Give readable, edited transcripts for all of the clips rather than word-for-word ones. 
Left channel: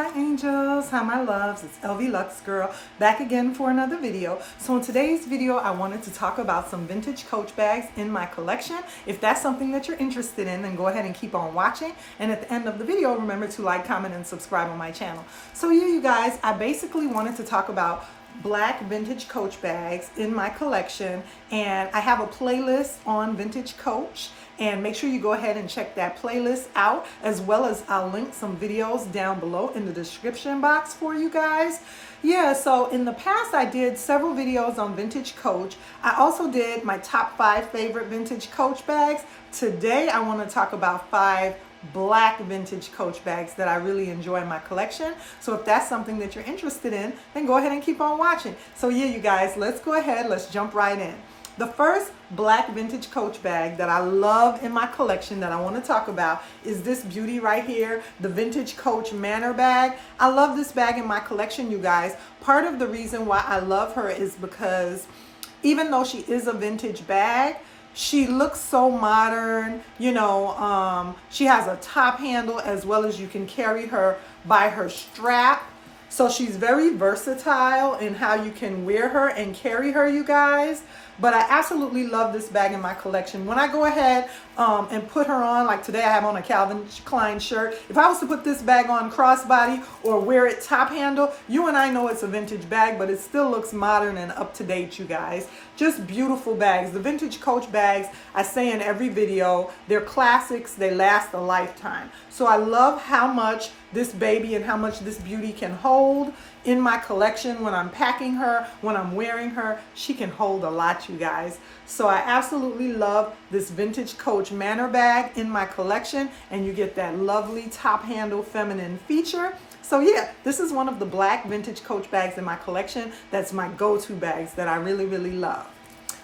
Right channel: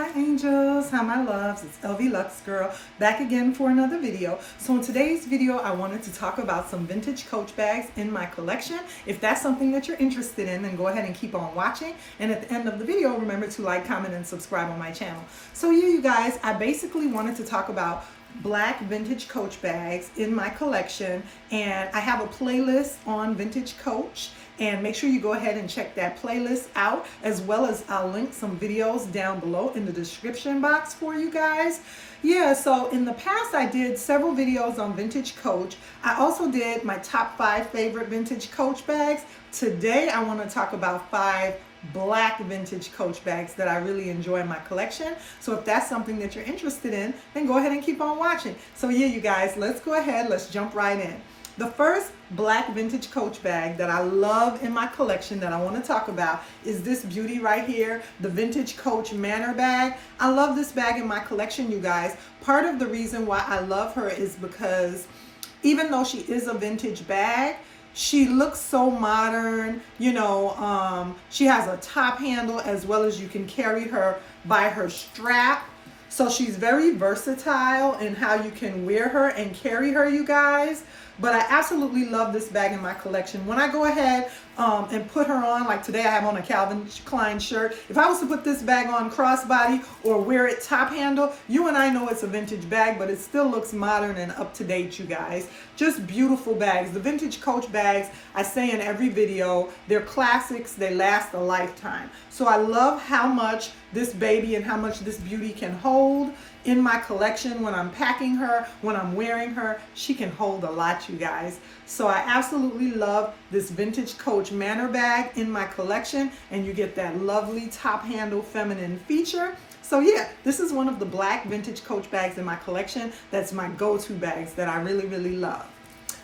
Hi angels, hi my loves, it's lvluxegirl back again for another video. So in today's video I wanted to talk about some vintage Coach bags in my collection. If that's something that you're interested in, then go ahead and keep on watching, and at the end of the video remember to like, comment, and subscribe on my channel. So yeah, you guys, I basically wanted to talk about black vintage Coach bags in my collection, and I have a playlist on vintage Coach, and make sure you go ahead and check that playlist out, as well as I'll link some videos down below in the description box for you guys. Yeah, so in the past I did several videos on vintage Coach. I also did my top 5 favorite vintage Coach bags. Today I want to talk about 5 black vintage Coach bags that I really enjoy in my collection. So if that's something that you're interested in, then go ahead and keep on watching. So yeah, you guys, let's go ahead, let's jump right in. The first black vintage Coach bag that I love in my collection that I want to talk about is this beauty right here, the vintage Coach Manor bag. I love this bag in my collection, you guys. Part of the reason why I love her is because even though she is a vintage bag, she looks so modern, you know. She has a top handle, as well as you can carry her by her strap. So she's very versatile in how you can wear her and carry her, you guys. But I absolutely love this bag in my collection. When I go ahead and put her on, like today I have on a Calvin Klein shirt. If I was to put this bag on crossbody or wear it top handle, you and I know it's a vintage bag, but it still looks modern and up to date, you guys. Just beautiful bags. The vintage Coach bags, I say in every video, they're classics. They last a lifetime. So I love how much this baby and how much this beauty can hold in my collection. When I'm packing her, when I'm wearing her, she can hold a lot, you guys. So I absolutely love this vintage Coach Manor bag in my collection, and you get that lovely top handle feminine feature. So yeah, this is one of the black vintage Coach bags in my collection. That's my go-to bags that I really, really love.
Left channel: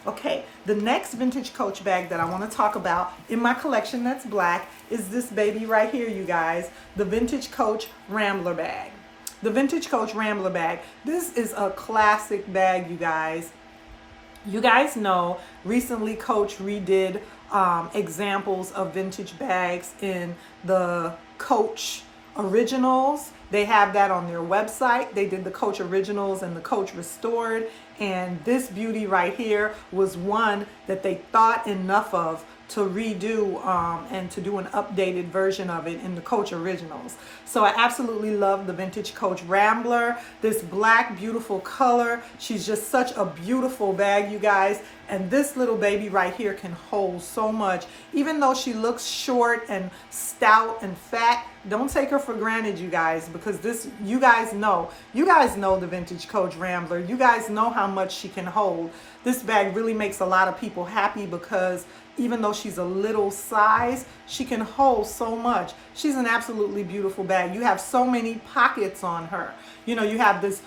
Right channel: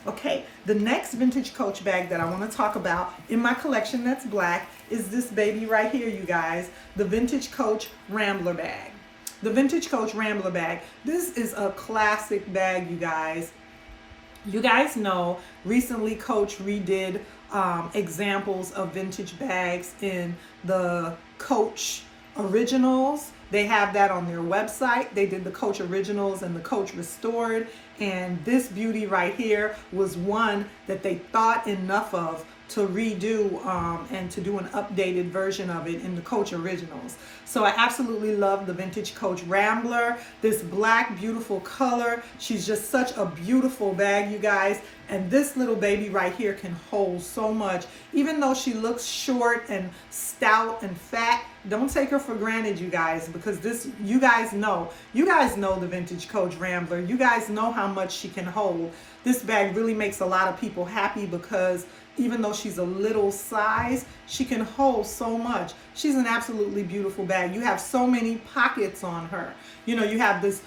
Okay, the next vintage Coach bag that I want to talk about in my collection that's black is this baby right here, you guys, the vintage Coach Rambler bag. The vintage Coach Rambler bag. This is a classic bag, you guys. You guys know recently Coach redid examples of vintage bags in the Coach Originals. They have that on their website. They did the Coach Originals and the Coach Restored. And this beauty right here was one that they thought enough of to redo and to do an updated version of it in the Coach Originals. So I absolutely love the vintage Coach Rambler. This black, beautiful color. She's just such a beautiful bag, you guys. And this little baby right here can hold so much. Even though she looks short and stout and fat, don't take her for granted, you guys, because this, you guys know the vintage Coach Rambler. You guys know how much she can hold. This bag really makes a lot of people happy because even though she's a little size, she can hold so much. She's an absolutely beautiful bag. You have so many pockets on her. You know, you have this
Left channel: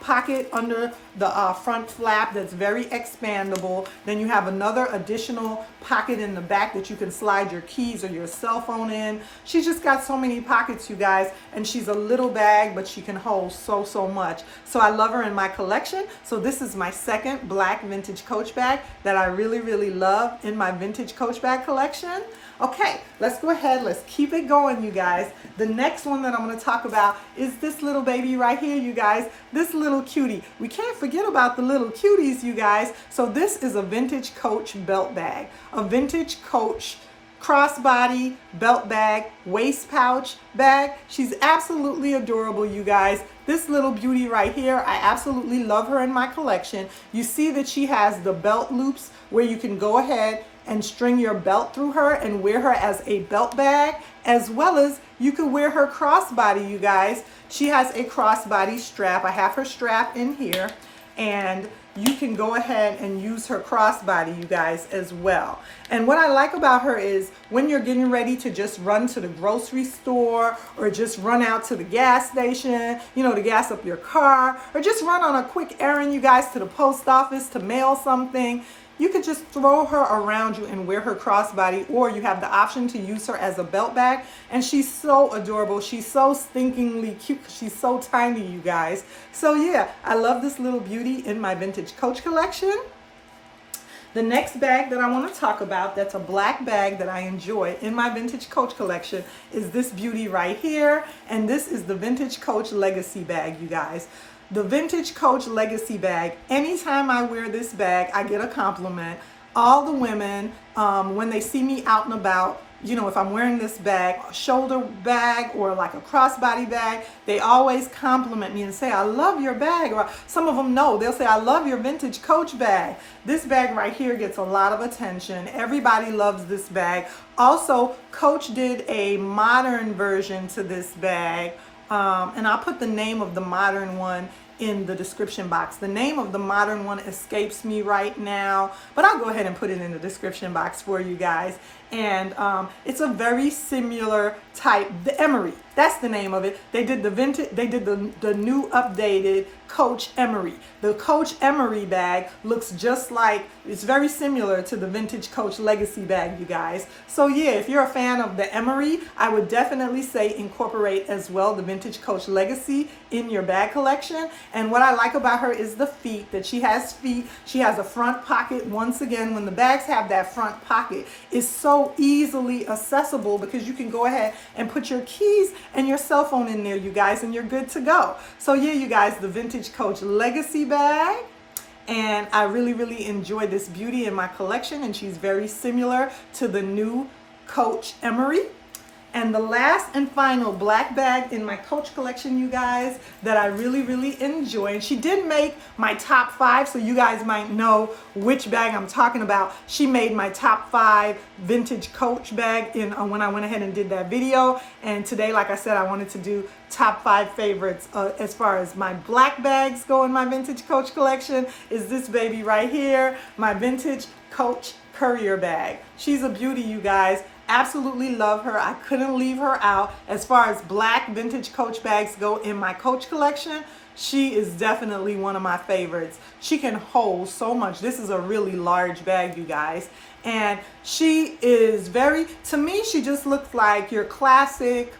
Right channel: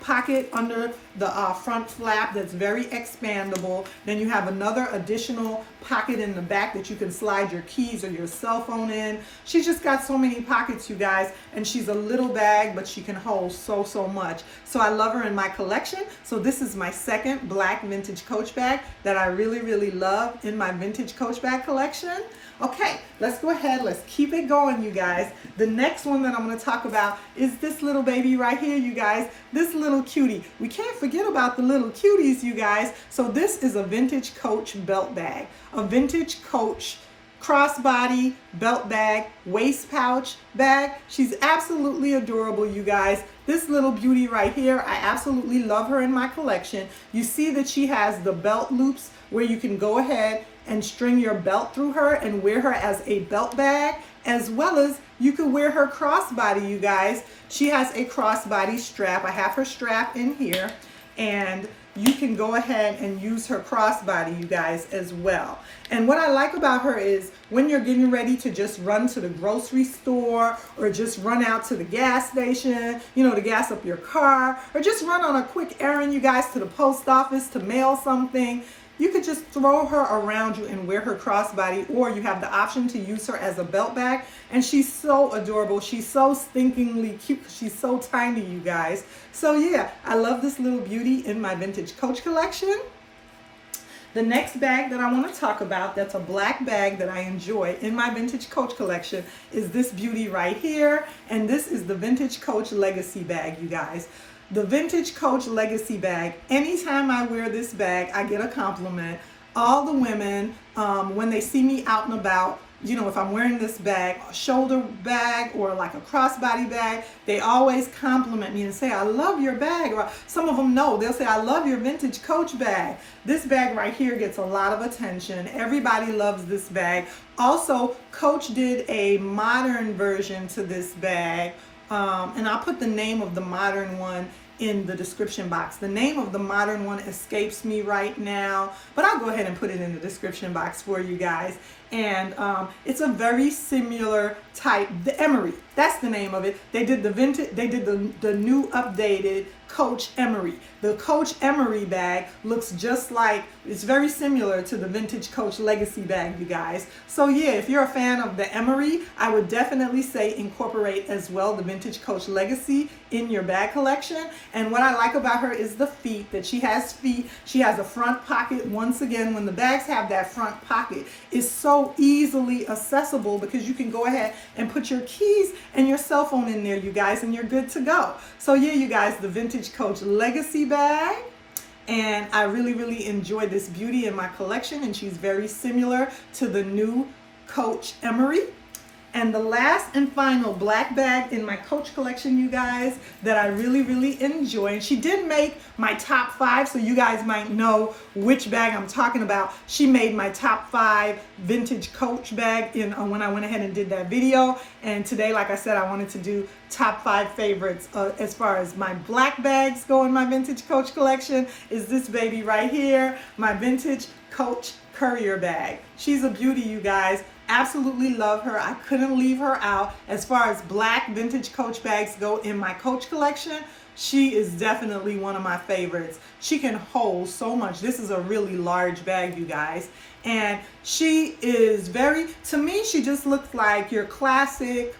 pocket under the front flap that's very expandable. Then you have another additional pocket in the back that you can slide your keys or your cell phone in. She's just got so many pockets, you guys, and she's a little bag, but she can hold so much. So I love her in my collection. So this is my second black vintage Coach bag that I really, really love in my vintage Coach bag collection. Okay, let's go ahead. Let's keep it going, you guys. The next one that I'm going to talk about is this little baby right here, you guys. This little cutie. We can't forget about the little cuties, you guys. So this is a vintage Coach belt bag. A vintage Coach crossbody belt bag, waist pouch bag. She's absolutely adorable, you guys. This little beauty right here, I absolutely love her in my collection. You see that she has the belt loops where you can go ahead and string your belt through her and wear her as a belt bag, as well as you can wear her crossbody, you guys. She has a crossbody strap. I have her strap in here, and you can go ahead and use her crossbody, you guys, as well. And what I like about her is when you're getting ready to just run to the grocery store or just run out to the gas station, you know, to gas up your car, or just run on a quick errand, you guys, to the post office to mail something, you could just throw her around you and wear her crossbody, or you have the option to use her as a belt bag. And she's so adorable. She's so stinkingly cute. She's so tiny, you guys. So yeah, I love this little beauty in my vintage Coach collection. The next bag that I want to talk about, that's a black bag that I enjoy in my vintage Coach collection, is this beauty right here. And this is the vintage Coach Legacy bag, you guys. The vintage Coach Legacy bag, anytime I wear this bag, I get a compliment. All the women, when they see me out and about, you know, if I'm wearing this bag, a shoulder bag or like a crossbody bag, they always compliment me and say, I love your bag. Or some of them know, they'll say, I love your vintage Coach bag. This bag right here gets a lot of attention. Everybody loves this bag. Also, Coach did a modern version to this bag. And I'll put the name of the modern one in the description box. The name of the modern one escapes me right now, but I'll go ahead and put it in the description box for you guys. And it's a very similar type, the Emery, that's the name of it. They did the vintage, they did the new updated Coach Emery. The Coach Emery bag looks just like, it's very similar to the vintage Coach Legacy bag, you guys. So yeah, if you're a fan of the Emery, I would definitely say incorporate as well the vintage Coach Legacy in your bag collection. And what I like about her is the feet, that she has feet. She has a front pocket. Once again, when the bags have that front pocket, it's so easily accessible because you can go ahead and put your keys and your cell phone in there, you guys, and you're good to go. So yeah, you guys, the vintage Coach Legacy bag. And I really enjoy this beauty in my collection, and she's very similar to the new Coach Emery. And the last and final black bag in my Coach collection, you guys, that I really enjoy. And she did make my top 5, so you guys might know which bag I'm talking about. She made my top 5 vintage Coach bag in when I went ahead and did that video. And today, like I said, I wanted to do top 5 favorites as far as my black bags go in my vintage Coach collection. Is this baby right here, my vintage Coach Courier bag. She's a beauty, you guys. Absolutely love her. I couldn't leave her out. As far as black vintage Coach bags go in my Coach collection, she is definitely one of my favorites. She can hold so much. This is a really large bag, you guys. And she is very, to me, she just looks like your classic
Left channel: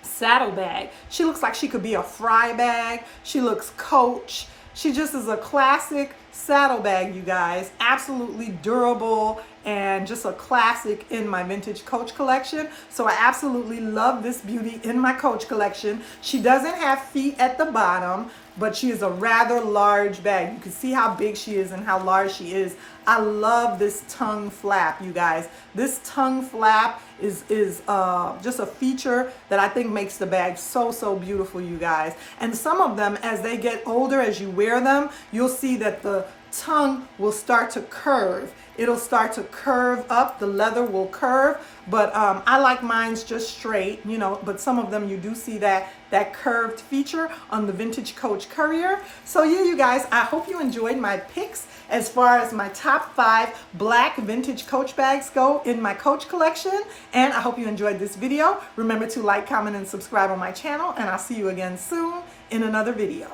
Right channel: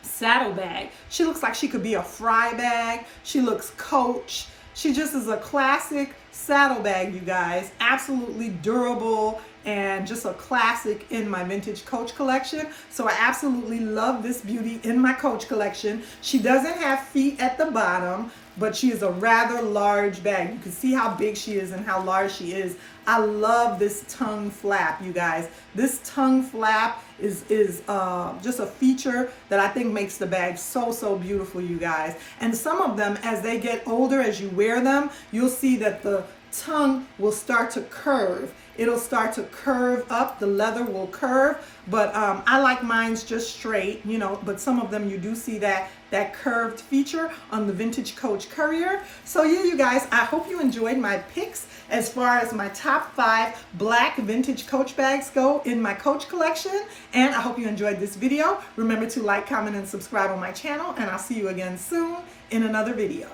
saddle bag. She looks like she could be a fry bag. She looks Coach. She just is a classic saddle bag, you guys. Absolutely durable and just a classic in my vintage Coach collection. So I absolutely love this beauty in my Coach collection. She doesn't have feet at the bottom, but she is a rather large bag. You can see how big she is and how large she is. I love this tongue flap, you guys. This tongue flap is just a feature that I think makes the bag so beautiful, you guys. And some of them, as they get older, as you wear them, you'll see that the tongue will start to curve. It'll start to curve up, the leather will curve, but I like mine's just straight, you know, but some of them you do see that curved feature on the vintage Coach Courier. So yeah, you guys, I hope you enjoyed my picks as far as my top 5 black vintage Coach bags go in my Coach collection, and I hope you enjoyed this video. Remember to like, comment, and subscribe on my channel, and I'll see you again soon in another video.